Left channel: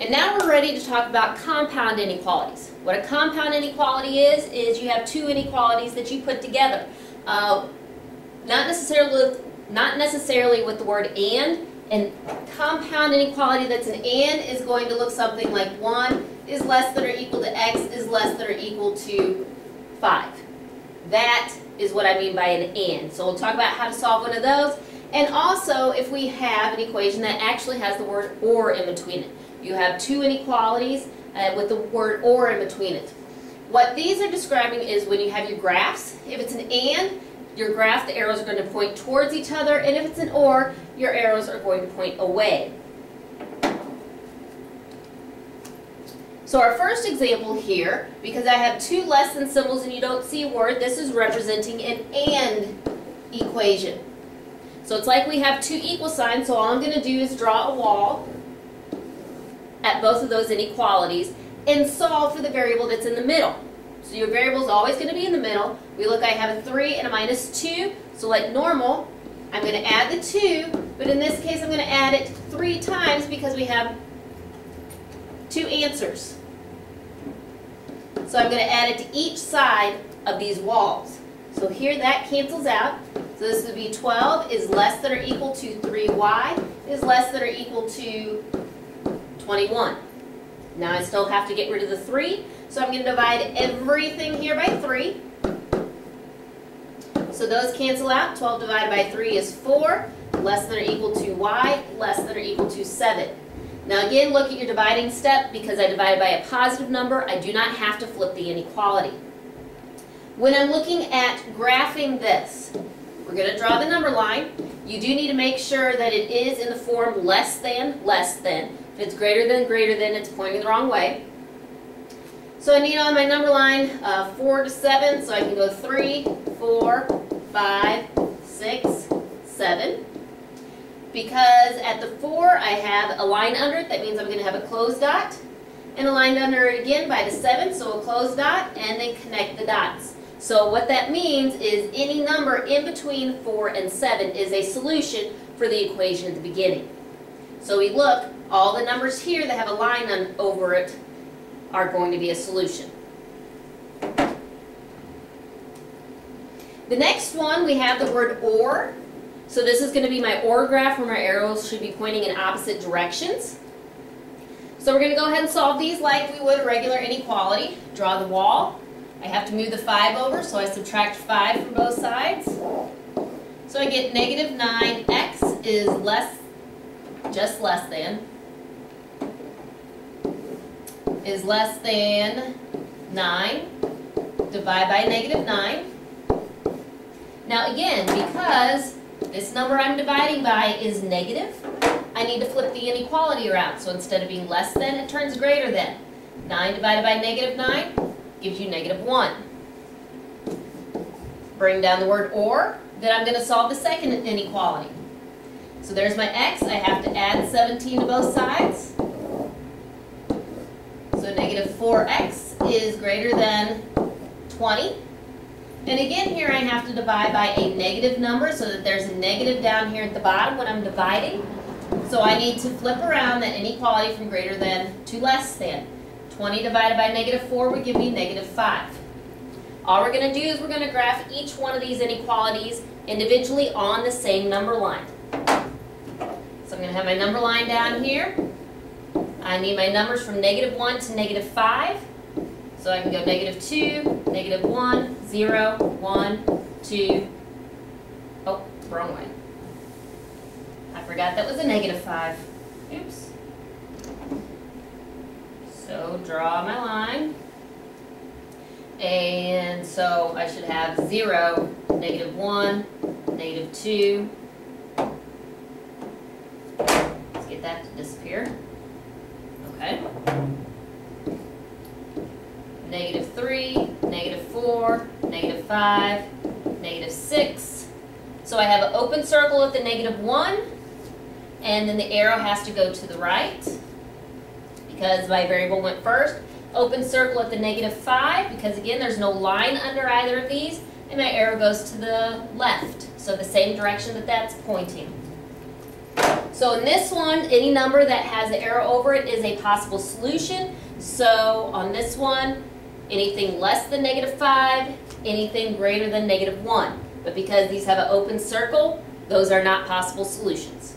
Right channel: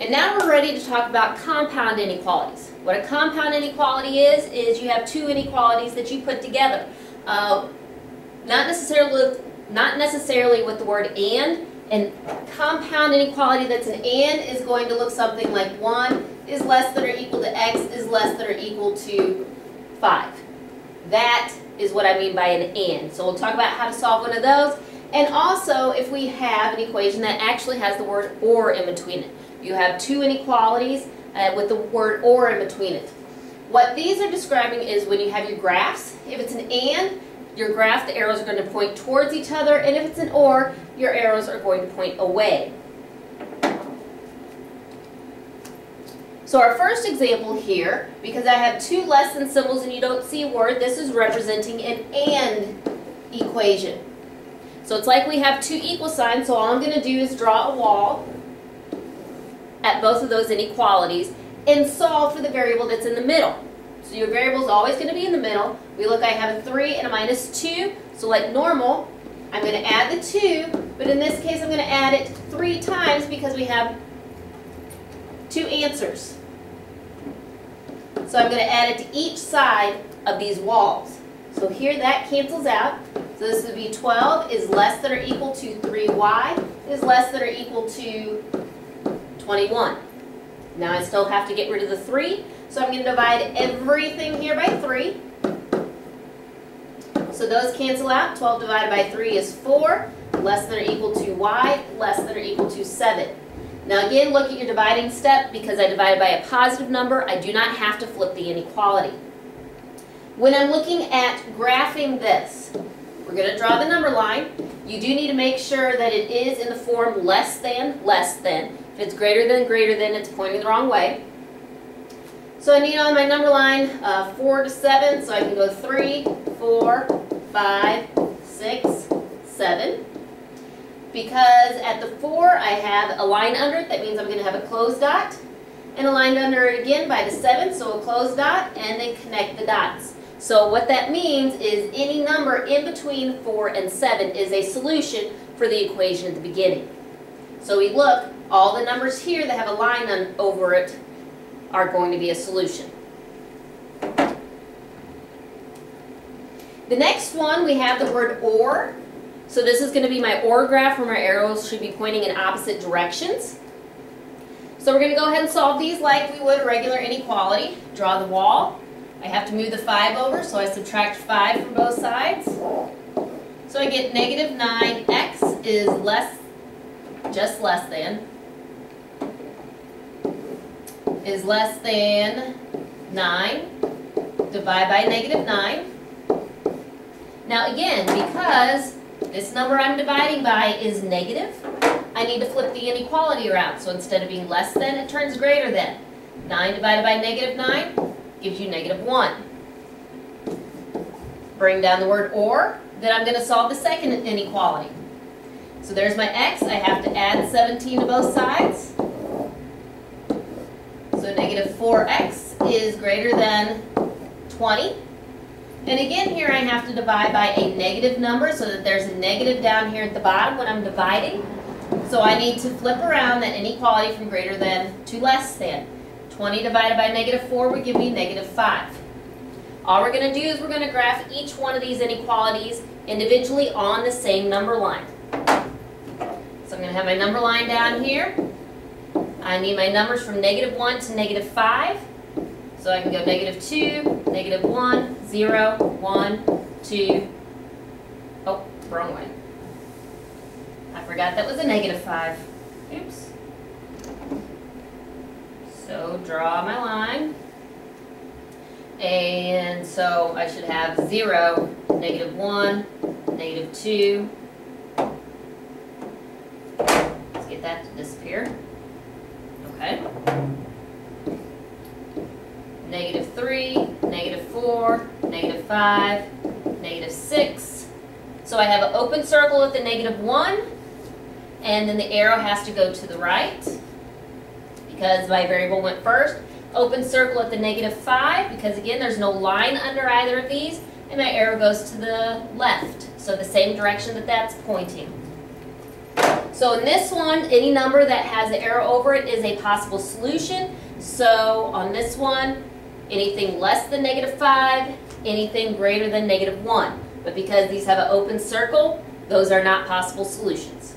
And now we're ready to talk about compound inequalities. What a compound inequality is you have two inequalities that you put together. Not necessarily with the word and compound inequality that's an and is going to look something like 1 is less than or equal to x is less than or equal to 5. That is what I mean by an and. So we'll talk about how to solve one of those. And also if we have an equation that actually has the word or in between it. You have two inequalities with the word or in between it. What these are describing is when you have your graphs. If it's an and, your graph, the arrows are going to point towards each other, and if it's an or, your arrows are going to point away. So our first example here, because I have two less than symbols and you don't see a word, this is representing an and equation. So it's like we have two equal signs, so all I'm going to do is draw a wall at both of those inequalities and solve for the variable that's in the middle. So your variable is always going to be in the middle. We look, I have a 3 and a minus 2. So like normal, I'm going to add the 2, but in this case I'm going to add it 3 times because we have two answers. So I'm going to add it to each side of these walls. So here that cancels out. So this would be 12 is less than or equal to 3y is less than or equal to 21. Now I still have to get rid of the 3, so I'm going to divide everything here by 3. So those cancel out. 12 divided by 3 is 4, less than or equal to y, less than or equal to 7. Now again, look at your dividing step. Because I divided by a positive number, I do not have to flip the inequality. When I'm looking at graphing this, we're going to draw the number line. You do need to make sure that it is in the form less than, less than. If it's greater than, it's pointing the wrong way. So I need on my number line 4 to 7, so I can go 3, 4, 5, 6, 7. Because at the 4 I have a line under it, that means I'm going to have a closed dot. And a line under it again by the 7, so a closed dot, and then connect the dots. So what that means is any number in between 4 and 7 is a solution for the equation at the beginning. So we look, all the numbers here that have a line over it are going to be a solution. The next one, we have the word or. So this is going to be my or graph where my arrows should be pointing in opposite directions. So we're going to go ahead and solve these like we would a regular inequality. Draw the wall. I have to move the 5 over, so I subtract 5 from both sides. So I get negative 9x is just less than, is less than 9, divide by negative 9. Now again, because this number I'm dividing by is negative, I need to flip the inequality around. So instead of being less than, it turns greater than. 9 divided by negative 9 gives you negative 1. Bring down the word or, then I'm going to solve the second inequality. So there's my x. I have to add 17 to both sides. So negative 4x is greater than 20. And again here I have to divide by a negative number so that there's a negative down here at the bottom when I'm dividing. So I need to flip around that inequality from greater than to less than. 20 divided by negative 4 would give me negative 5. All we're going to do is we're going to graph each one of these inequalities individually on the same number line. So I'm going to have my number line down here. I need my numbers from negative 1 to negative 5. So I can go negative 2, negative 1, 0, 1, 2. Oh, wrong way. I forgot that was a negative 5. Oops. So draw my line. And so I should have 0, negative 1, negative 2. Let's get that to disappear. Okay. Negative 3, negative 4, negative 5, negative 6. So I have an open circle at the negative 1, and then the arrow has to go to the right because my variable went first. Open circle at the negative 5 because again there's no line under either of these, and my arrow goes to the left, so the same direction that that's pointing. So in this one, any number that has an arrow over it is a possible solution. So on this one, anything less than -5, anything greater than -1. But because these have an open circle, those are not possible solutions.